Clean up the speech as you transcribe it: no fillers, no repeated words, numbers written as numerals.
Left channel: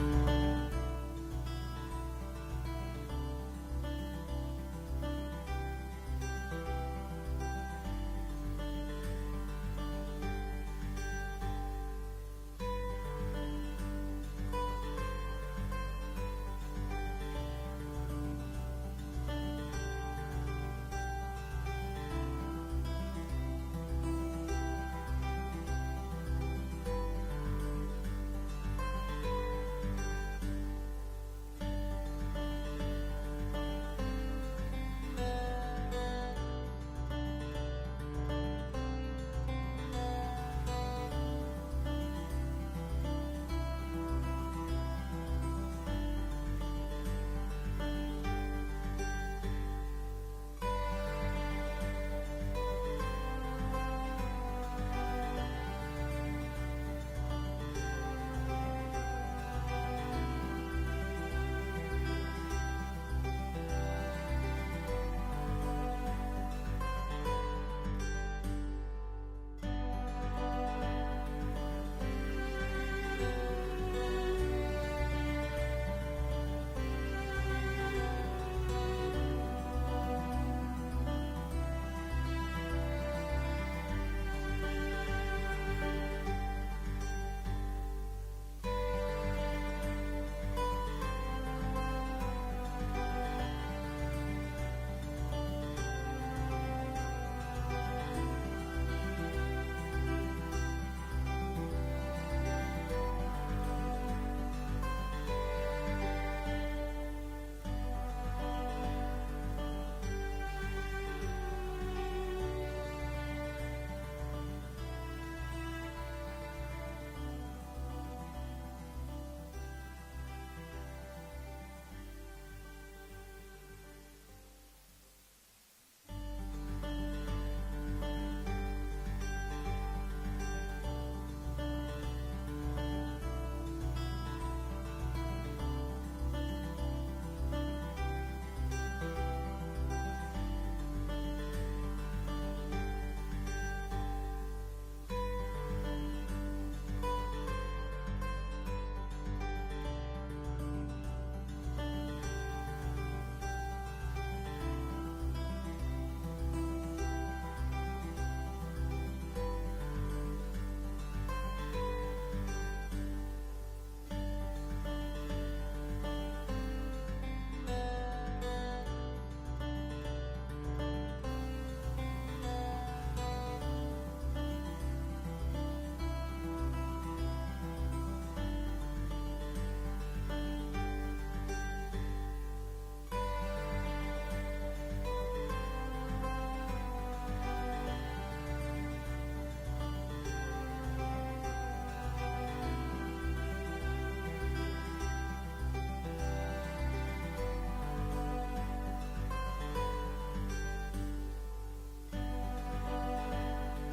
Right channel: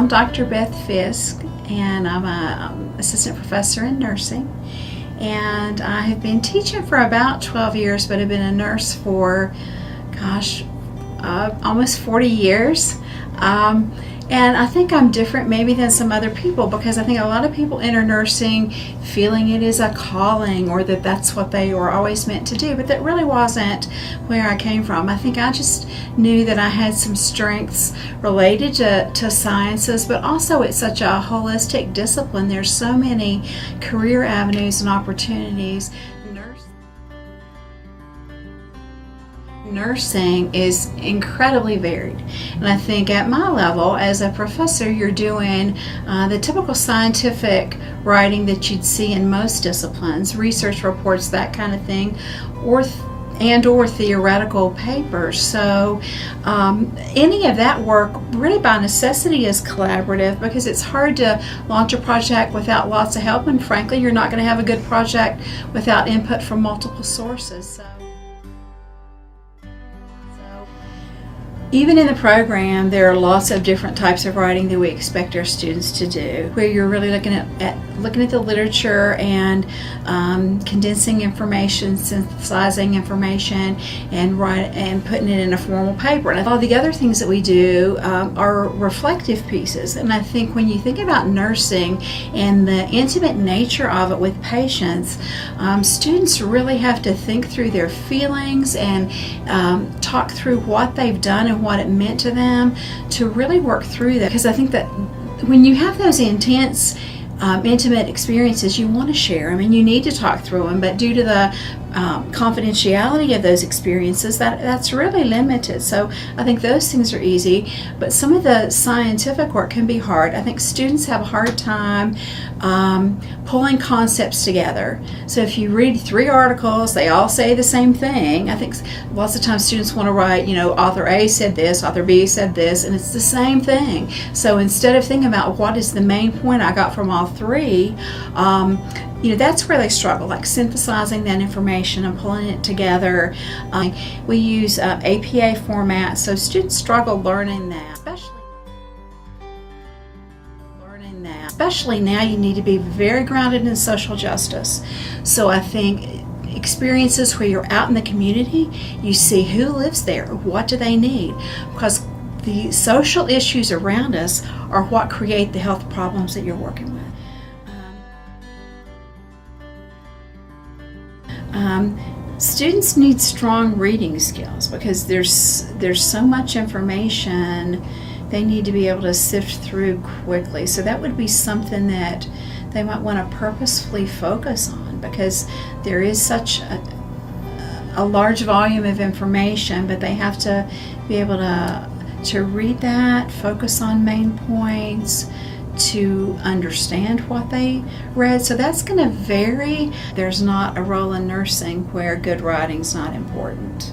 I'm Dr. Beth Fiske, and I'm an assistant professor in nursing. And I have been teaching for about 12 years, but I've been a nurse for, almost 40 years. And I think I'm different maybe than some other people, because I think a lot of people enter nursing feeling it is a calling, or that that's what they were always meant to do, but that really wasn't where I came from. I think I just knew that I had some strengths related to sciences, but also it's such a holistic discipline. There's so many career avenues and opportunities. Nursing is incredibly varied, and I think at my level as a professor, you're doing the typical scientific writing that you'd see in most disciplines, research reports, that kind of thing, or theoretical papers. So any of that work really by necessity is collaborative, because it's hard to launch a project without lots of help, and frankly you're not going to have a good project without input from multiple sources. So even in the program, there are lots of different types of writing that we expect our students to do, where you're really looking at the literature and condensing information, synthesizing information, and putting it in a formal paper. And all the other things that we do are reflective pieces. And I think when you think about nursing and the intimate nature of it with patients, students really have to think through their feelings and talk through what they've done and what it meant to them, to really work through that. Because I think that when you have those intense intimate experiences, you want to share them and you need to talk through them, but due to the confidentiality of those experiences, that's really limited. So I think those things are easy, but some of the scientific work can be hard. I think students have a hard time pulling concepts together. So if you read 3 articles, they all say the same thing. I think lots of times students want to write, author A said this, author B said this, and it's the same thing. So instead of thinking about what is the main point I got from all 3, that's where they struggle, like synthesizing that information and pulling it together. We use APA format, so students struggle learning that. Especially now, you need to be very grounded in social justice. So I think experiences where you're out in the community, you see who lives there, what do they need, because the social issues around us are what create the health problems that you're working with. Students need strong reading skills, because there's so much information they need to be able to sift through quickly. So that would be something that they might want to purposefully focus on, because there is such a large volume of information, but they have to be able to read that, focus on main points, to understand what they read. So that's going to vary. There's not a role in nursing where good writing's not important.